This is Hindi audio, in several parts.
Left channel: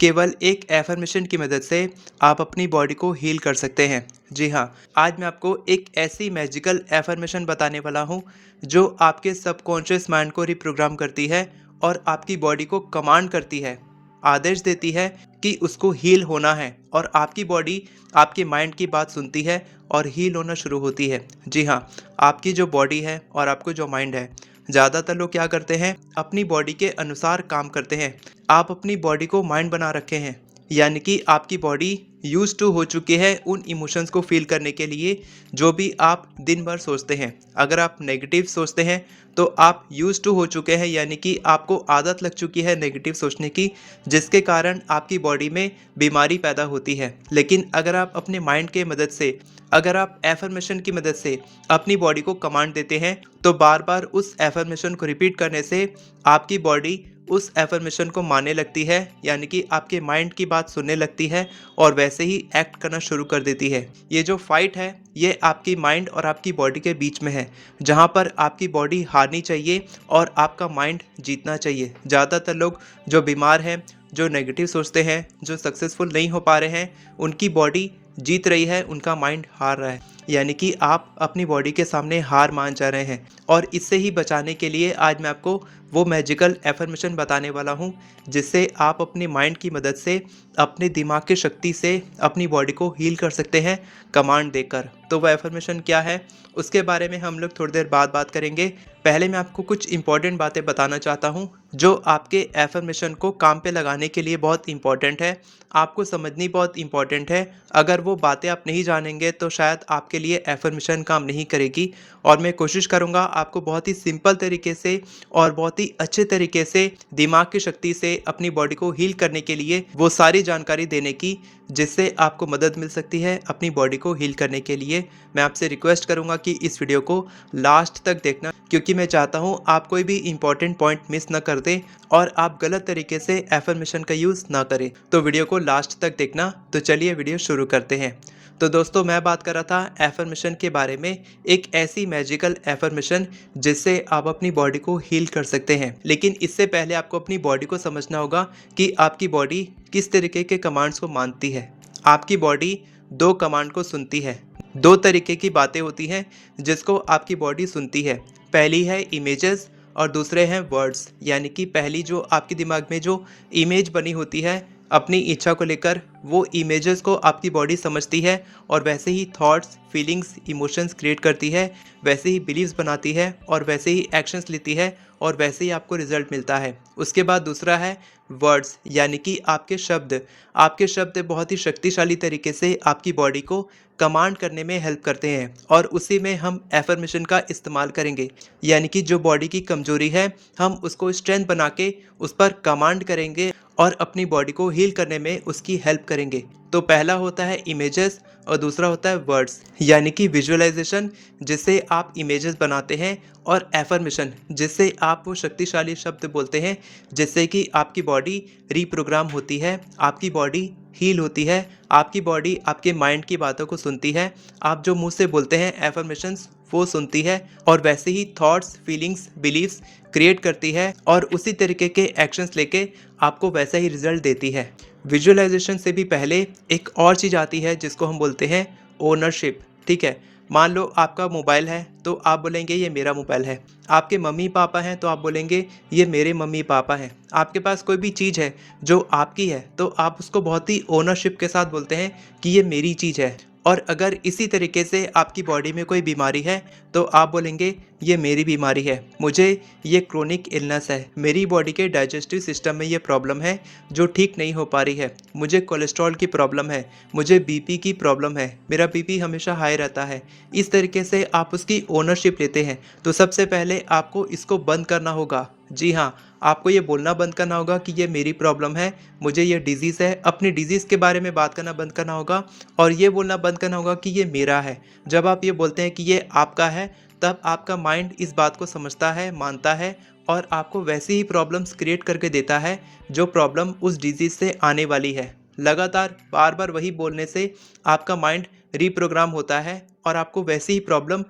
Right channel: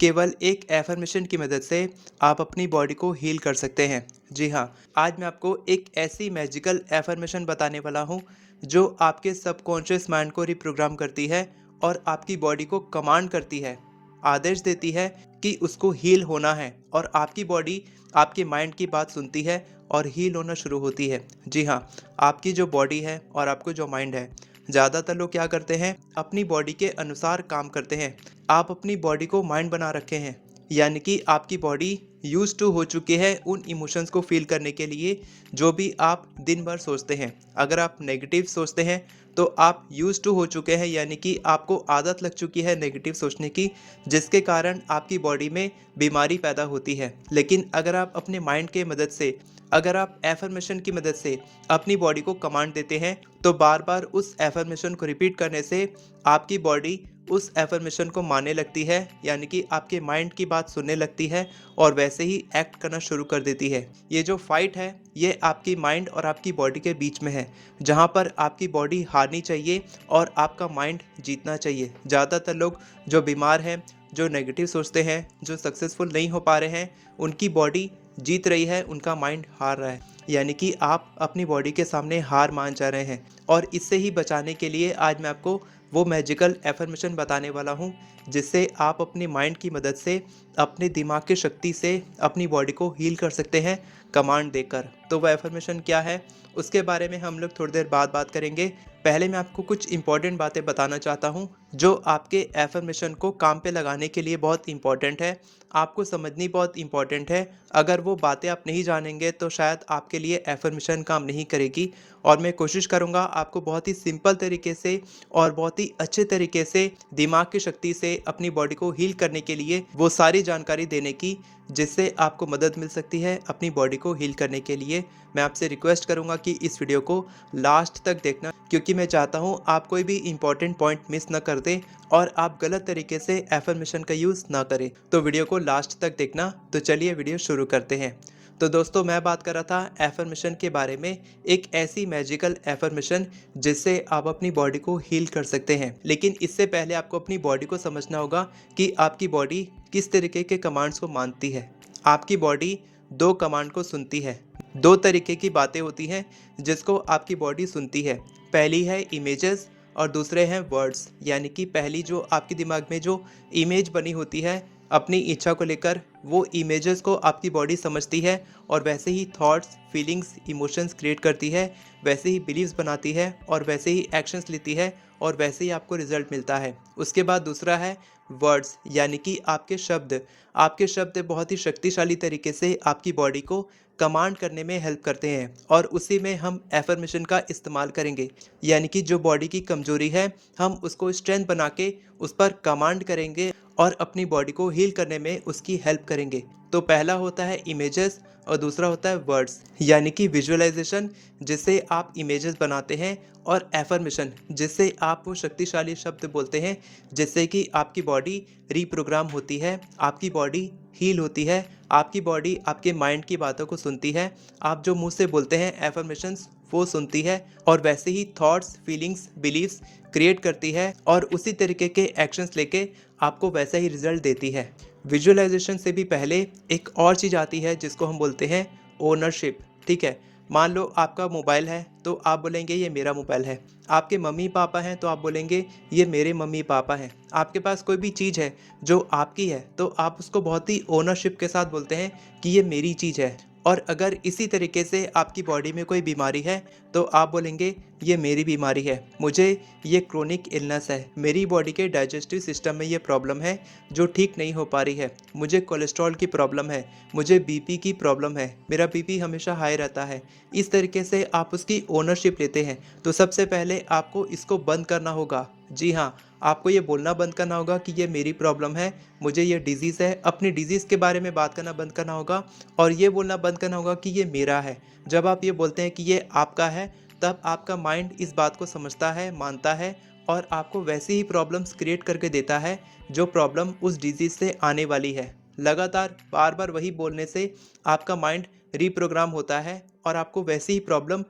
केवल एक एफर्मेशन की मदद से आप अपनी बॉडी को हील कर सकते हैं। जी हाँ, आज मैं आपको एक ऐसी मैजिकल एफर्मेशन बताने वाला हूँ जो आपके सबकॉन्शियस माइंड को रिप्रोग्राम करती है और आपकी बॉडी को कमांड करती है, आदेश देती है कि उसको हील होना है और आपकी बॉडी आपके माइंड की बात सुनती है और हील होना शुरू होती है। जी हाँ, आपकी जो बॉडी है और आपको जो माइंड है, ज़्यादातर लोग क्या करते हैं, अपनी बॉडी के अनुसार काम करते हैं। आप अपनी बॉडी को माइंड बना रखे हैं, यानी कि आपकी बॉडी यूज टू हो चुकी है उन इमोशंस को फील करने के लिए जो भी आप दिन भर सोचते हैं। अगर आप नेगेटिव सोचते हैं तो आप यूज टू हो चुके हैं, यानी कि आपको आदत लग चुकी है नेगेटिव सोचने की, जिसके कारण आपकी बॉडी में बीमारी पैदा होती है। लेकिन अगर आप अपने माइंड के मदद से, अगर आप एफर्मेशन की मदद से अपनी बॉडी को कमांड देते हैं तो बार बार उस एफर्मेशन को रिपीट करने से आपकी बॉडी उस एफर्मेशन को मानने लगती है, यानी कि आपके माइंड की बात सुनने लगती है और वैसे ही एक्ट करना शुरू कर देती है। ये जो फाइट है ये आपकी माइंड और आपकी बॉडी के बीच में है, जहाँ पर आपकी बॉडी हारनी चाहिए और आपका माइंड जीतना चाहिए। ज़्यादातर लोग जो बीमार हैं, जो नेगेटिव सोचते हैं, जो सक्सेसफुल नहीं हो पा रहे हैं, उनकी बॉडी जीत रही है, उनका माइंड हार रहा है, यानी कि आप अपनी बॉडी के सामने हार मान जा रहे हैं। और इससे ही बचाने के लिए आज मैं आपको वो मैजिकल एफर्मेशन बताने वाला हूँ जिससे आप अपनी माइंड की मदद से, अपने दिमाग की शक्ति से अपनी बॉडी को हील कर सकते हैं कमांड देकर। तो वह एफर्मेशन क्या है उसके बारे में हम लोग थोड़ी देर बाद बात करेंगे। पहले मैं आपको कुछ इंपॉर्टेंट बातें बताना चाहता हूँ जो आपके एफर्मेशन को काम पे लगाने के लिए बहुत इंपॉर्टेंट है, आपको समझनी बहुत इंपॉर्टेंट है। अगर वो बातें आप नहीं जानेंगे तो शायद आपके लिए एफर्मेशन काम नहीं करेगी। और मैं कोशिश करूँगा आपको बहुत ही सिंपल तरीके से और बहुत ही अच्छे तरीके से दिमाग की शक्ति से अपनी बॉडी को हील करने के लिए वो सारी जानकारी देने की जिससे आपको मदद मिल सकती है अपनी बॉडी को हील करने के लिए। मैं आपसे रिक्वेस्ट करूंगा कि इस वीडियो को लास्ट तक देखना, क्योंकि मैं चाहता हूं आप कोई भी इंपॉर्टेंट पॉइंट मिस न कर दें और आप गलत तरीके से एफर्मेशन का यूज़ ना करें। तो वीडियो को लास्ट तक देखना। तो चलिए वीडियो शुरू करते हैं। तो दोस्तों, मैं बात कर रहा था एफर्मेशन के बारे में, एक ऐसी मैजिकल एफर्मेशन जिससे आप अपनी बॉडी को हील कर सकते हैं। लेकिन इससे पहले आपको अपनी बॉडी को समझना होगा कि आपकी बॉडी किस तरीके के कमांड्स को मानती है। आपकी बॉडी दो कमांड को सुनती है। दो तरीके की बातें होती हैं जिसको आपकी बॉडी सुनती है। पहली है इमेजेस और दूसरे हैं वर्ड्स, यानी कि पहली जो आपके दिमाग में जो इमेज बनी होती है अपनी इच्छा को लेकर, वो इमेजेस को आपकी बॉडी समझती है और वैसे ही थॉट्स, फीलिंग्स, इमोशंस क्रिएट करती है, वैसे ही बिलीव्स बनाती है और वैसे ही एक्शंस लेती है और वैसे ही आपको रिजल्ट मिलता है। उसके बाद दूसरा है वर्ड्स, यानी कि आपके शब्द। आपके शब्द बहुत ही शक्तिशाली तरीके से आपकी बॉडी को कमांड करने में हेल्प करते हैं और उसी में हम एफर्मेशन का इस्तेमाल करेंगे, यानी कि जो बॉडी की कमजोरी है हम उसको स्ट्रेंथ बना के उस पर कमांड करेंगे और अपनी बॉडी को हील करने में उसकी हेल्प करेंगे। तो पहला होता है इमेजेस और दूसरा होता है वर्ड्स, यानी कि विजुअलाइजेशन जिससे आप इमेजेस बनाते हैं और एफर्मेशन जिससे आप वो शक्तिशाली शब्द बोलते हैं जिससे कि आपकी बॉडी रीप्रोग्राम होती है, आपकी बॉडी हील होती है, आपकी बॉडी आपके माइंड की बातों को सुनती है। आप जो मुंह से बोलते हैं एफर्मेशंस वो सुनती है और वैसे ही थॉट्स, फीलिंग्स, बिलीव्स क्रिएट करती है और उसी तरीके के एक्शंस लेके आपको वैसा ही रिजल्ट देती है। विजुअलाइजेशन से भी पहले एक और चीज़ आती है जिसको हम बोलते हैं ओनरशिप। ठीक है, मान लो आपका मोबाइल है तो आप बोलेंगे ये मेरा मोबाइल है। आपके मम्मी पापा हैं तो आप बोलेंगे ये मेरे मम्मी पापा हैं। आपके पास कोई भी चीज़ है जो आपकी है तो आप उसको बहुत ही ओनरशिप के साथ बोलते हैं कि ये मेरी चीज़ है। और अगर इसी तरीके से आपकी बॉडी में कोई बीमारी है तो आप बोलेंगे ये मेरी बीमारी है, मुझे ये क्रोनिक इलनेस है, मेरी बॉडी के डाइजेस्टिव सिस्टम में ये प्रॉब्लम है जो ठीक नहीं हो पा रही है, मुझे कोलेस्ट्रॉल की प्रॉब्लम है, मुझे बीपी की प्रॉब्लम है, मेरा बीपी हमेशा हाई रहता है। इस तरीके से आप उसकी ओनरशिप लेते हैं। तो सबसे पहले आपको इसको बंद करना होगा। जी हाँ, आपको ये बोलना बंद करना होगा कि ये मेरी प्रॉब्लम है, मुझे ये डिजीज़ है। अपनी डिजीज़ के बारे में बात करना बंद करना होगा और ये बोलना बंद करना होगा कि ये मेरा है। जब आप ये बोलते हैं कि ये आपका है तब आपका माइंड इस बात को समझता है, मानता है और आपको वैसी ही प्रॉब्लम्स क्रिएट करके देता है जो प्रॉब्लम उस डिजीज़ से आने वाली है। लगातार बार बार वही बोलने से आपका माइंड रीप्रोग्राम होता है और आपको वैसी ही प्रॉब्लम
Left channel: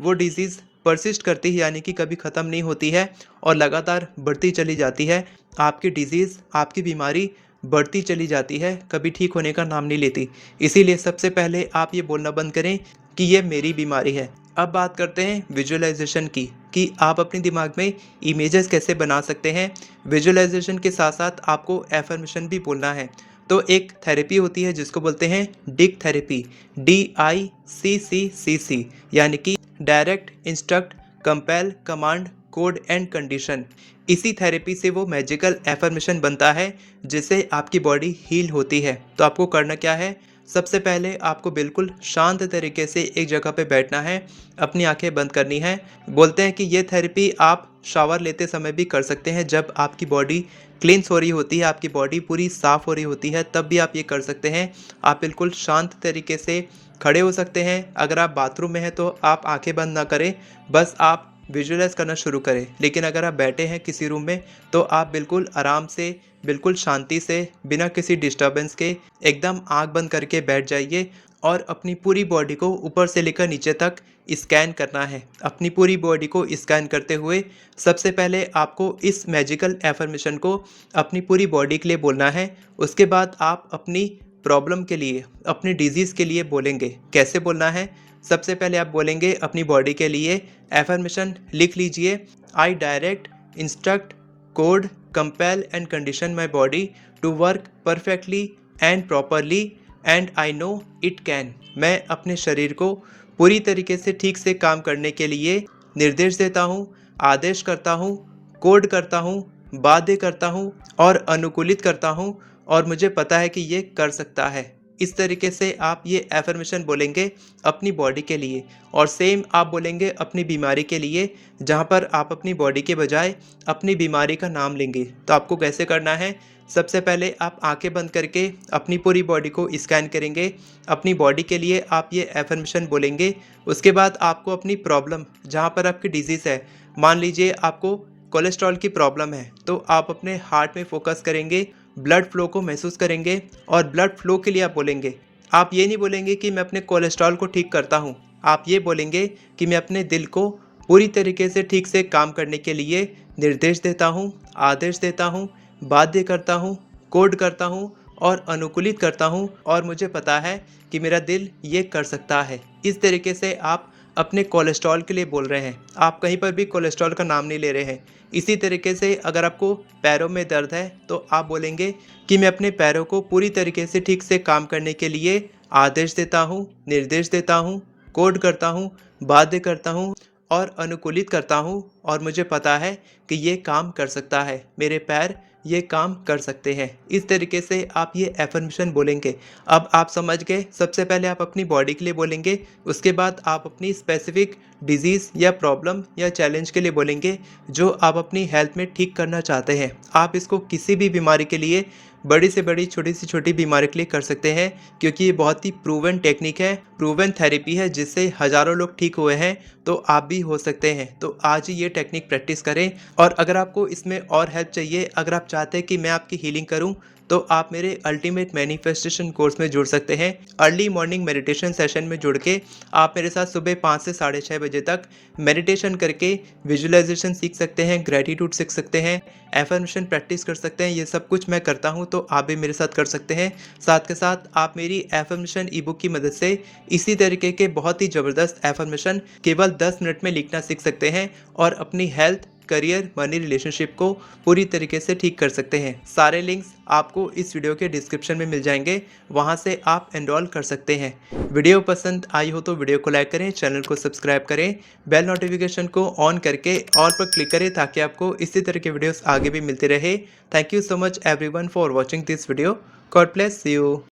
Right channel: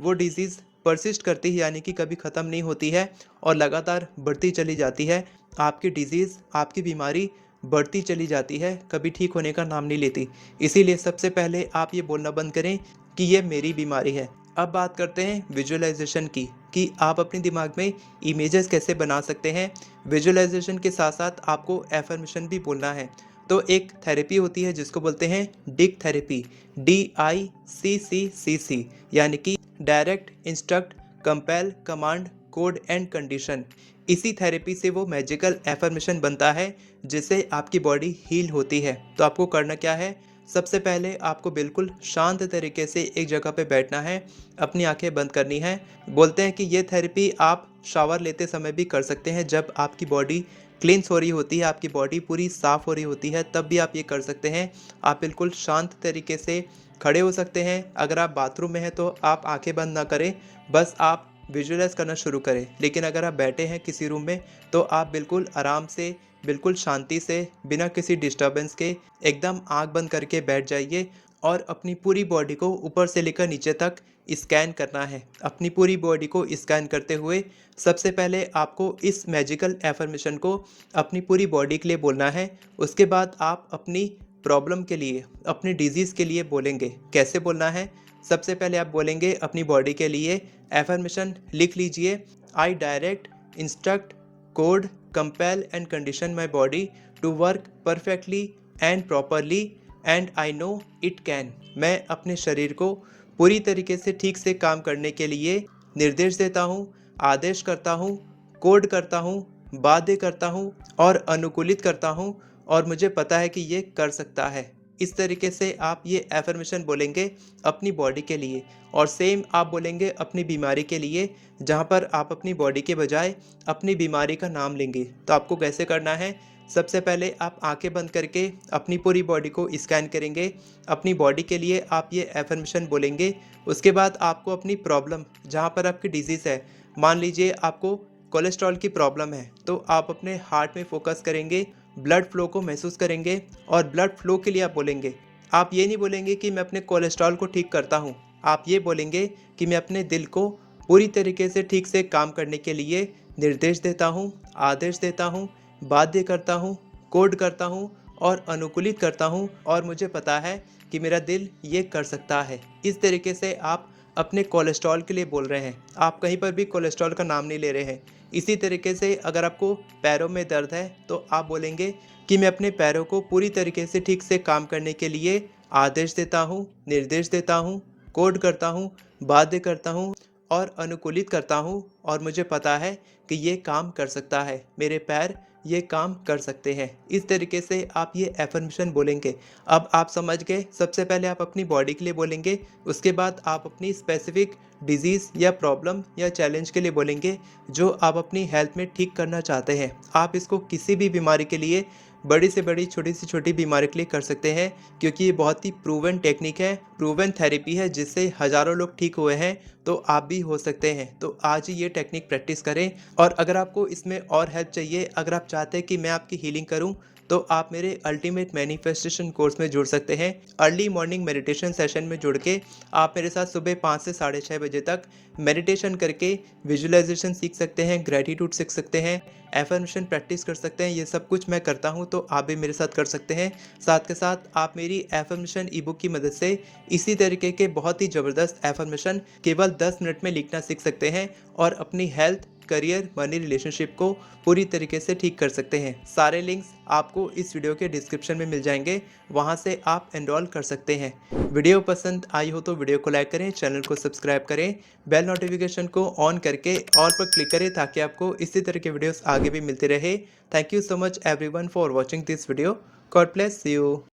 वो डिजीज़ परसिस्ट करती है, यानी कि कभी ख़त्म नहीं होती है और लगातार बढ़ती चली जाती है। आपकी डिजीज़, आपकी बीमारी बढ़ती चली जाती है, कभी ठीक होने का नाम नहीं लेती। इसीलिए सबसे पहले आप ये बोलना बंद करें कि ये मेरी बीमारी है। अब बात करते हैं विजुअलाइजेशन की, कि आप अपने दिमाग में इमेजेस कैसे बना सकते हैं। विजुअलाइजेशन के साथ साथ आपको एफर्मेशन भी बोलना है। तो एक थेरेपी होती है जिसको बोलते हैं डिक थेरेपी, DICCCC, यानी कि direct, instruct, compel, command, code and condition. इसी थेरेपी से वो मैजिकल एफर्मेशन बनता है जिससे आपकी बॉडी हील होती है। तो आपको करना क्या है, सबसे पहले आपको बिल्कुल शांत तरीके से एक जगह पे बैठना है, अपनी आंखें बंद करनी है। बोलते हैं कि ये थेरेपी आप शावर लेते समय भी कर सकते हैं, जब आपकी बॉडी क्लींस हो रही होती है, आपकी बॉडी पूरी साफ हो रही होती है, तब भी आप ये कर सकते हैं। आप बिल्कुल शांत तरीके से खड़े हो सकते हैं। अगर आप बाथरूम में हैं तो आप आंखें बंद ना करें, बस आप विजुअलाइज करना शुरू करें। लेकिन अगर आप बैठे हैं किसी रूम में तो आप बिल्कुल आराम से, बिल्कुल शांति से, बिना किसी डिस्टर्बेंस के एकदम आंख बंद करके बैठ जाइए और अपनी पूरी बॉडी को ऊपर से लेकर नीचे तक स्कैन करना है। अपनी पूरी बॉडी को स्कैन करते हुए सबसे पहले आपको इस मैजिकल एफर्मेशन को अपनी पूरी बॉडी के लिए बोलना है। उसके बाद आप अपनी प्रॉब्लम के लिए, अपनी डिजीज़ के लिए बोलेंगे। कैसे बोलना है, सबसे पहले आप बोलेंगे अपनी बॉडी के लिए एफर्मेशन, लिख लीजिए, I direct, instruct, code, compel and condition my body to work perfectly and properly and I know it can. मैं अपने शरीर को पूरी तरीके से ठीक से काम करने के लिए निर्देश देता हूँ, आदेश करता हूँ, कोड करता हूँ, बाध्य करता हूँ और अनुकूलित करता हूँ, और मुझे पता है कि ये कर सकता है। इस तरीके से आप ये एफर्मेशन बोलेंगे अपनी बॉडी के लिए, और सेम आप बोलेंगे अपनी बीमारी के लिए, जहाँ पर आप अपनी बॉडी के बजाय अपनी बीमारी का नाम लेंगे। तो आपको कैसे करना है, सबसे पहले आप आंखें बंद करके अपनी पूरी बॉडी को स्कैन करेंगे। अपनी बॉडी के लिए आप ये एफर्मेशन बोलेंगे। उसके बाद आपको अपनी प्रॉब्लम, जहाँ पर आपकी डिजीज़ है, मान लीजिए आपको कोलेस्ट्रॉल की प्रॉब्लम है, तो आप अपने हार्ट में फोकस करेंगे, ब्लड फ्लो को महसूस करेंगे, और ब्लड फ्लो के लिए आप बोलेंगे। आप ये नहीं बोलेंगे कि मैं अपने कोलेस्ट्रॉल को ठीक करता हूँ, आप ये बोलेंगे कि मैं अपने दिल को पूरी तरीके से ठीक से काम करने के लिए निर्देश देता हूँ, आदेश देता हूँ, बाध्य करता हूँ, कोड करता हूँ और अनुकूलित करता हूँ, और मुझे पता है कि मेरा दिल ये कर सकता है। इस तरीके से आप अपने कोलेस्ट्रॉल के लिए बोल रहे हैं, आप कहीं पर भी कोलेस्ट्रॉल का नाम नहीं ले रहे हैं। इसी तरीके से अगर आपको पैरों में दर्द है तो आप बोलेंगे कि मैं अपने पैरों को पूरी तरीके से ठीक से काम करने के लिए आदेश देता हूँ, निर्देश देता हूँ, कोड करता हूँ, बाध्य करता हूँ और अनुकूलित करता हूँ, और मुझे पता है कि ये काम कर सकता है, मेरे पैर ये काम कर सकते हैं। इस तरीके से आप ये एफर्मेशन बोलेंगे। अब आप समझ गए, सबसे पहले आप अपनी बॉडी के लिए बोलेंगे, उसके बाद आप अपनी स्पेसिफिक डिजीज़ या प्रॉब्लम या चैलेंज के लिए बोलेंगे जो आप अपनी हेल्थ में ठीक करना चाहते हैं। आप इसको किसी भी बीमारी के लिए, बड़ी से बड़ी, छोटी से छोटी बीमारी के लिए कर सकते हैं, क्योंकि ये बहुत ही प्रूवन टेक्निक है, प्रूवन थेरेपी है, जिससे हज़ारों लोग ठीक हुए हैं। तो आप भी हो सकते हैं। तो आज ही ये टेक्निक प्रैक्टिस करें। और अगर आपको इसमें और हेल्प चाहिए, अगर आप चाहते हैं कि मैं आपकी हीलिंग करूं, तो आप मेरे अल्टीमेट मैनिफेस्टेशन कोर्स में जुड़ सकते हैं। अर्ली मॉर्निंग मेडिटेशन सेशन में जुड़ के आप मेरे साथ सुबह 5 से 6:30 बजे तक मेडिटेशन करके विजुअलाइजेशन सीख सकते हैं, ग्रेटिट्यूड सीख सकते हैं, एफर्मेशन प्रैक्टिस कर सकते हैं। ये सब कुछ मैं करता हूँ, तो आप भी मेरे साथ कर सकते हैं। साथ के साथ आप मेरी एफर्मेशन ई बुक की मदद से इसी तरीके के बहुत ही ज़बरदस्त एफर्मेशन केवल 10 मिनट में लिखना सीख सकते हैं, और अपनी हेल्थ, करियर, मनी, रिलेशनशिप को पूरी तरीके से ठीक कर सकते हैं। सारे लिंक्स आपको इस वीडियो के डिस्क्रिप्शन में मिल जाएंगे, वहां से आप एनरोल कर सकते हैं। वीडियो पसंद आई हो तो वीडियो को लाइक करें, चैनल को सब्सक्राइब करें, बेल नोटिफिकेशन को ऑन करके ऑल पर क्लिक करें, ताकि आपको इसी तरह के वीडियोस आगे भी मिलते रहे। Thank you so much everyone for watching this video. God bless you.